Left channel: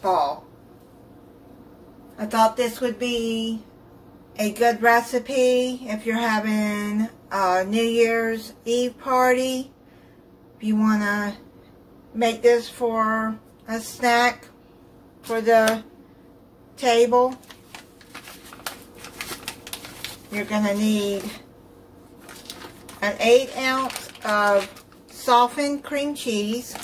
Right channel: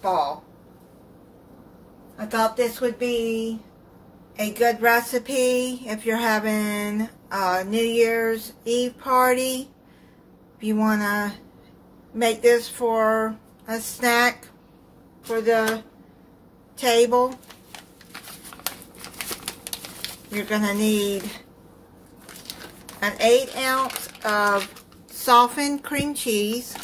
ball. I thought this would be a good recipe if you're having a New Year's Eve party. If you want to make this for a snack for the table, you're going to need an 1/8 ounce of softened cream cheese,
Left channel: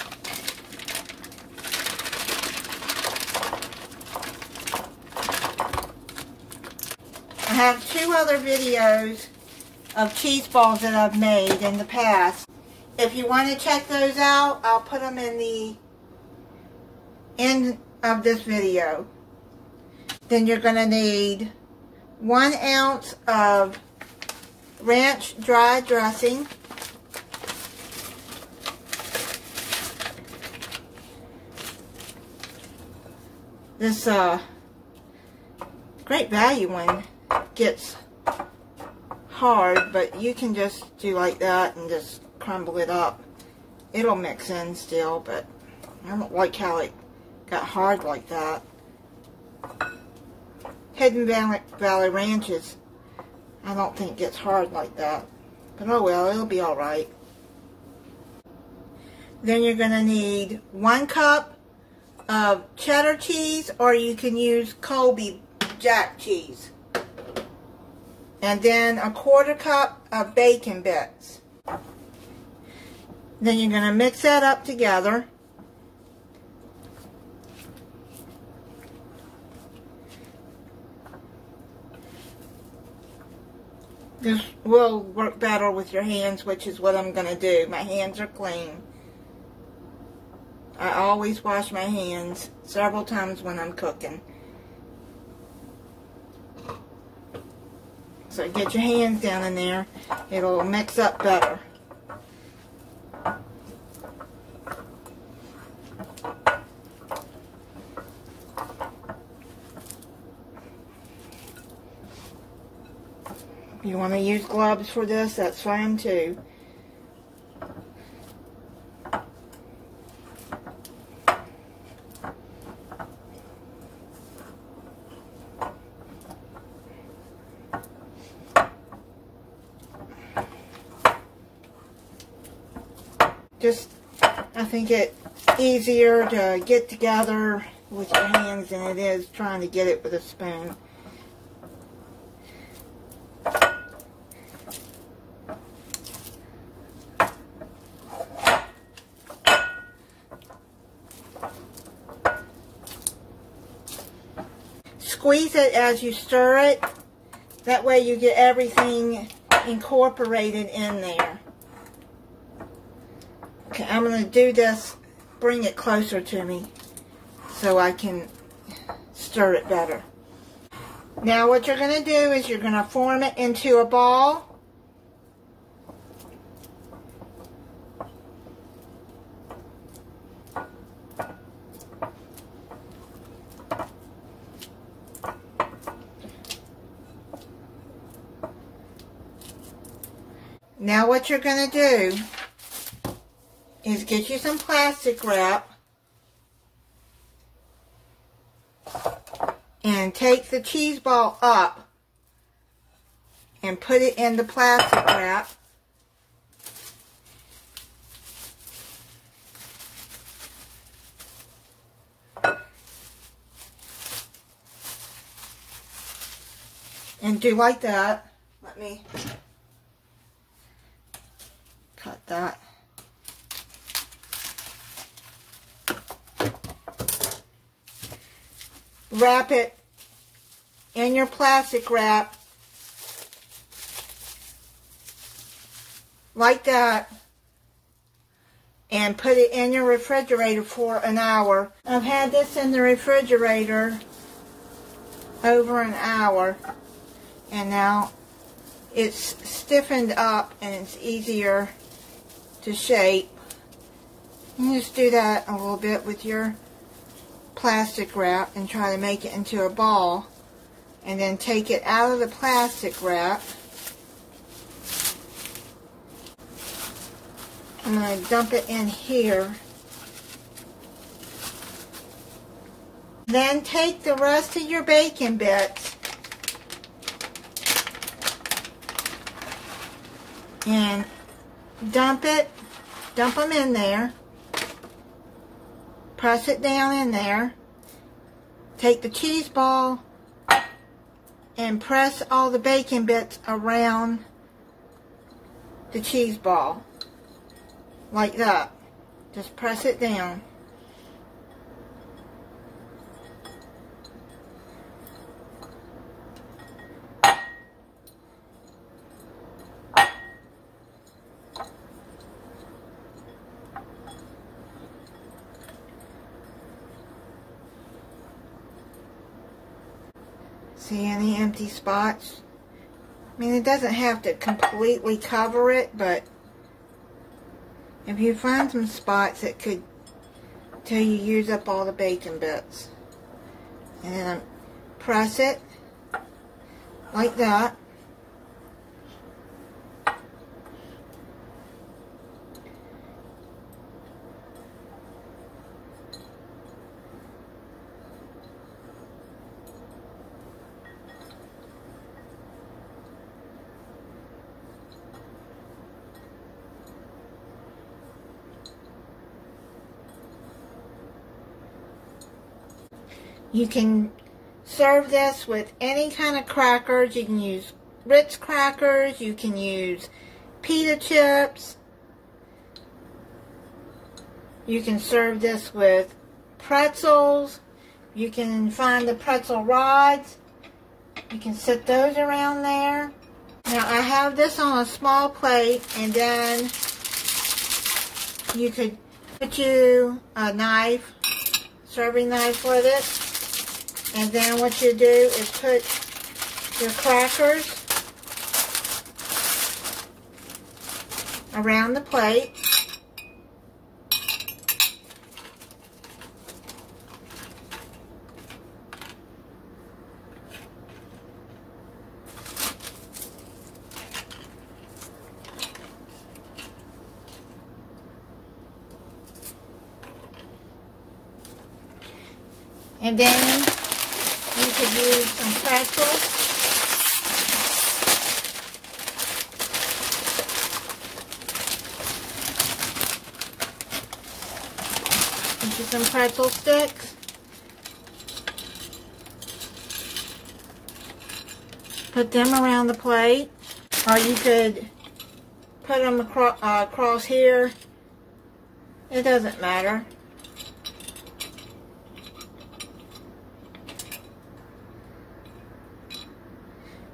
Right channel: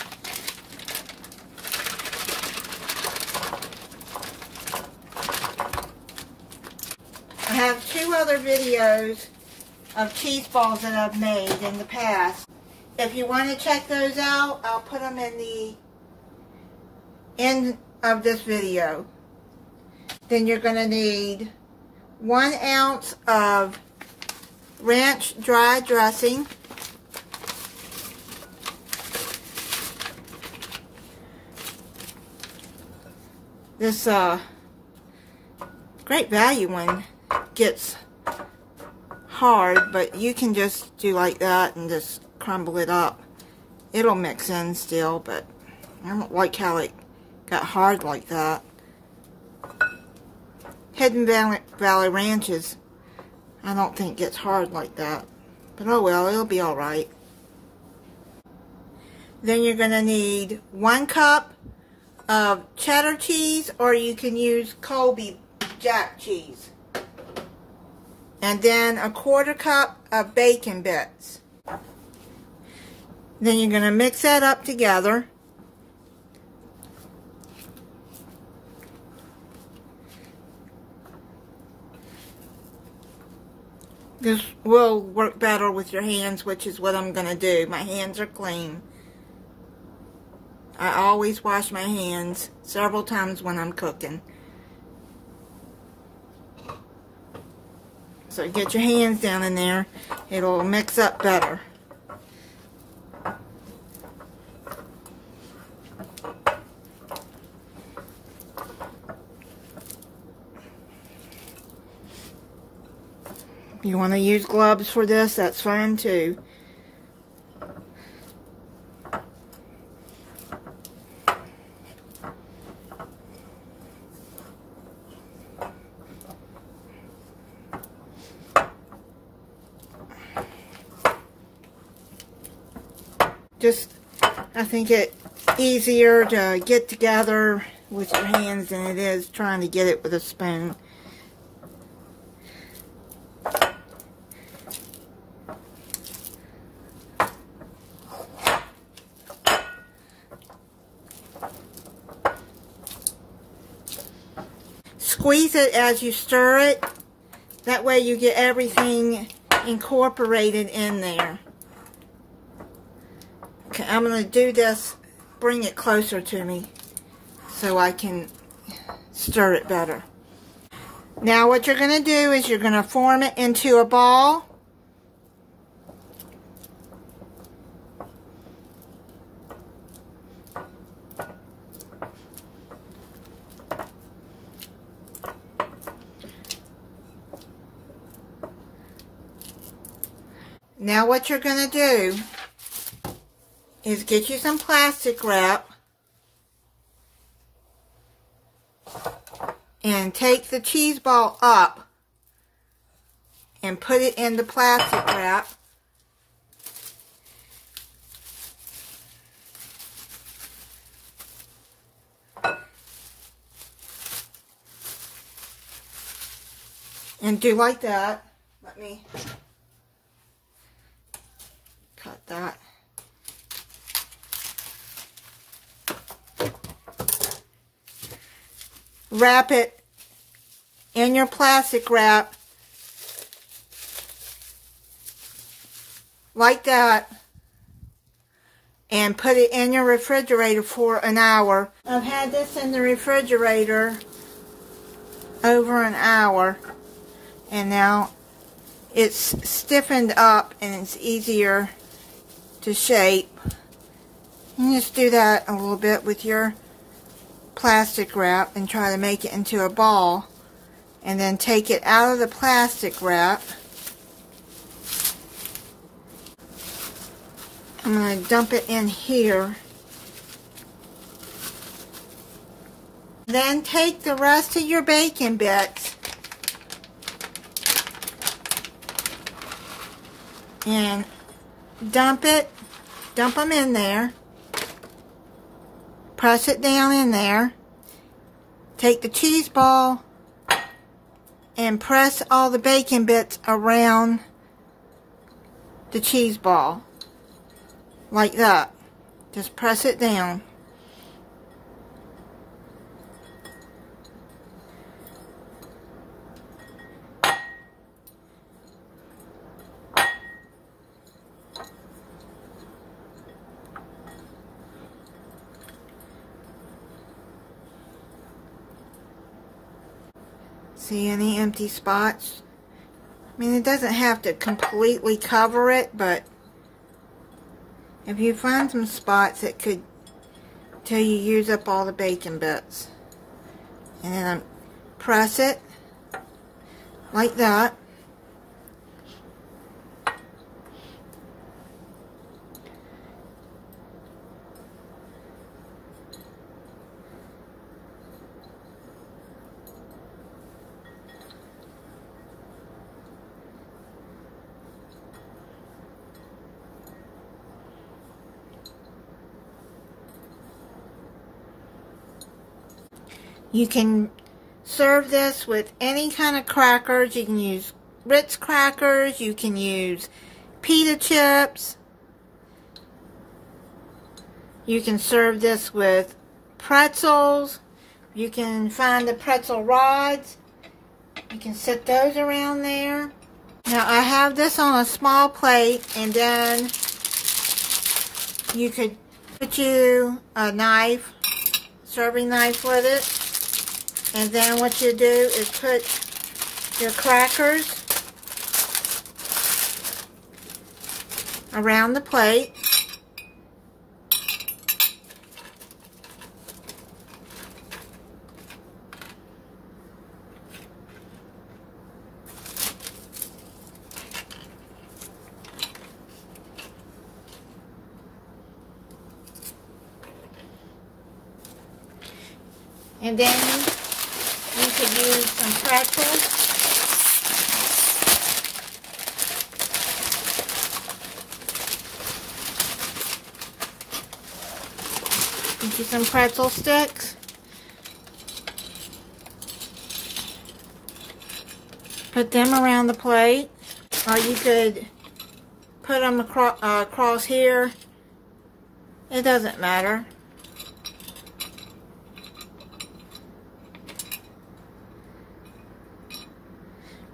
I have 2 other videos of cheese balls that I've made in the past. If you want to check those out, I'll put them in the end of this video. Then you're going to need 1 ounce of ranch dry dressing, this great value one gets hard, but you can just do like that and just crumble it up. It'll mix in still, but I don't like how it got hard like that. Hidden Valley Ranches, I don't think gets hard like that. But oh well, it'll be alright. Then you're going to need 1 cup of cheddar cheese, or you can use Colby Jack cheese. And then a 1/4 cup of bacon bits. Then you're going to mix that up together. This will work better with your hands, which is what I'm going to do. My hands are clean. I always wash my hands several times when I'm cooking. So get your hands down in there. It'll mix up better. If you want to use gloves for this, that's fine too. I think it's easier to get together with your hands than it is trying to get it with a spoon. Squeeze it as you stir it. That way you get everything incorporated in there. Okay, I'm going to do this, bring it closer to me so I can stir it better. Now what you're going to do is you're going to form it into a ball. Now what you're going to do is get you some plastic wrap and take the cheese ball up and put it in the plastic wrap. And do like that. Let me cut that. Wrap it in your plastic wrap like that and put it in your refrigerator for an hour. I've had this in the refrigerator over an hour and now it's stiffened up and it's easier to shape. You just do that a little bit with your plastic wrap and try to make it into a ball, and then take it out of the plastic wrap. I'm going to dump it in here Then take the rest of your bacon bits and dump them in there. Press it down in there. Take the cheese ball and press all the bacon bits around the cheese ball. Like that. Just press it down. See any empty spots? I mean, it doesn't have to completely cover it, but if you find some spots, it could till you use up all the bacon bits. And then press it like that. You can serve this with any kind of crackers. You can use Ritz crackers. You can use pita chips. You can serve this with pretzels. You can find the pretzel rods. You can set those around there. Now I have this on a small plate, and then you could put you a knife, serving knife with it. And then what you do is put your crackers around the plate. And then you could use some pretzels. Into some pretzel sticks. Put them around the plate. Or you could put them across here. It doesn't matter.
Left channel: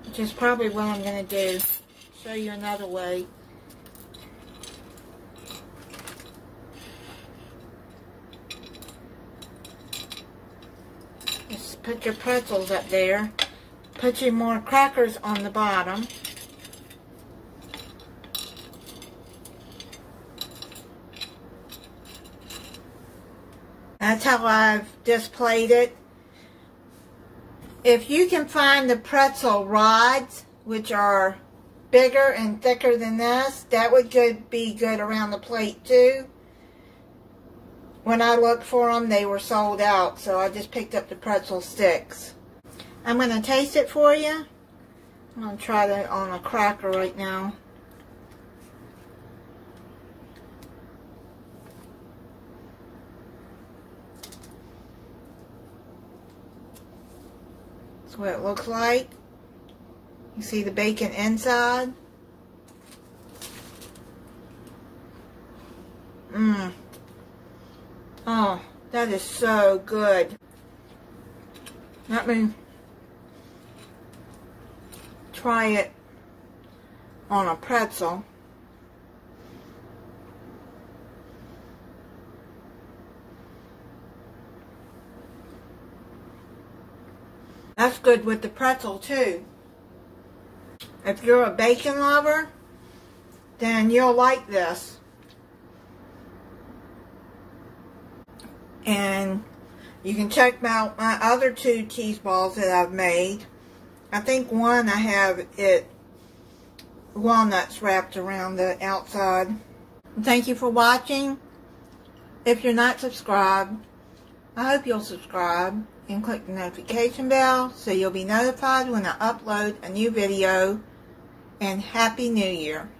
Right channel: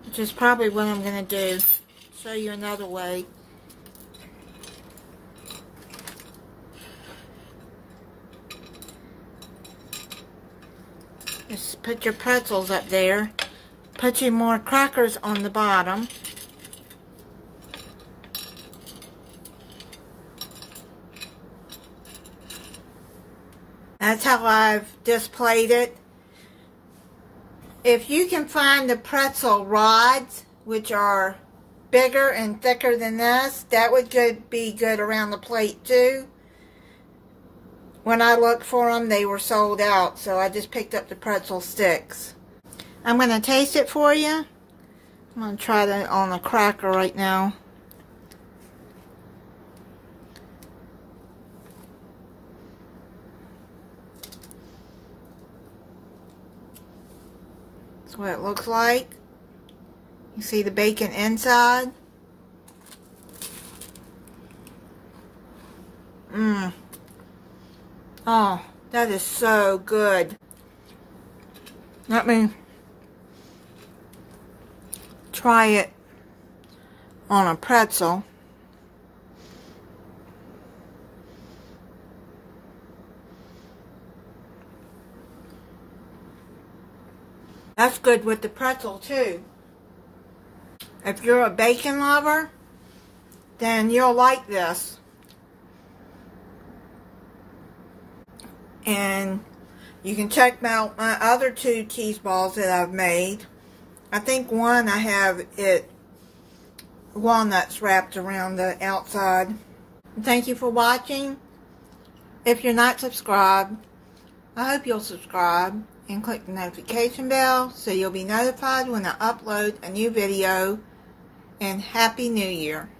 Which is probably what I'm going to do. Show you another way. Just put your pretzels up there. Put your more crackers on the bottom. That's how I've displayed it. If you can find the pretzel rods, which are bigger and thicker than this, that would be good around the plate too. When I looked for them, they were sold out, so I just picked up the pretzel sticks. I'm going to taste it for you. I'm going to try that on a cracker right now. That's what it looks like. You see the bacon inside. Oh, that is so good. Let me try it on a pretzel. That's good with the pretzel too. If you're a bacon lover, then you'll like this. And you can check out my other 2 cheese balls that I've made. I think one I have walnuts wrapped around the outside. Thank you for watching. If you're not subscribed, I hope you'll subscribe and click the notification bell so you'll be notified when I upload a new video. And Happy New Year!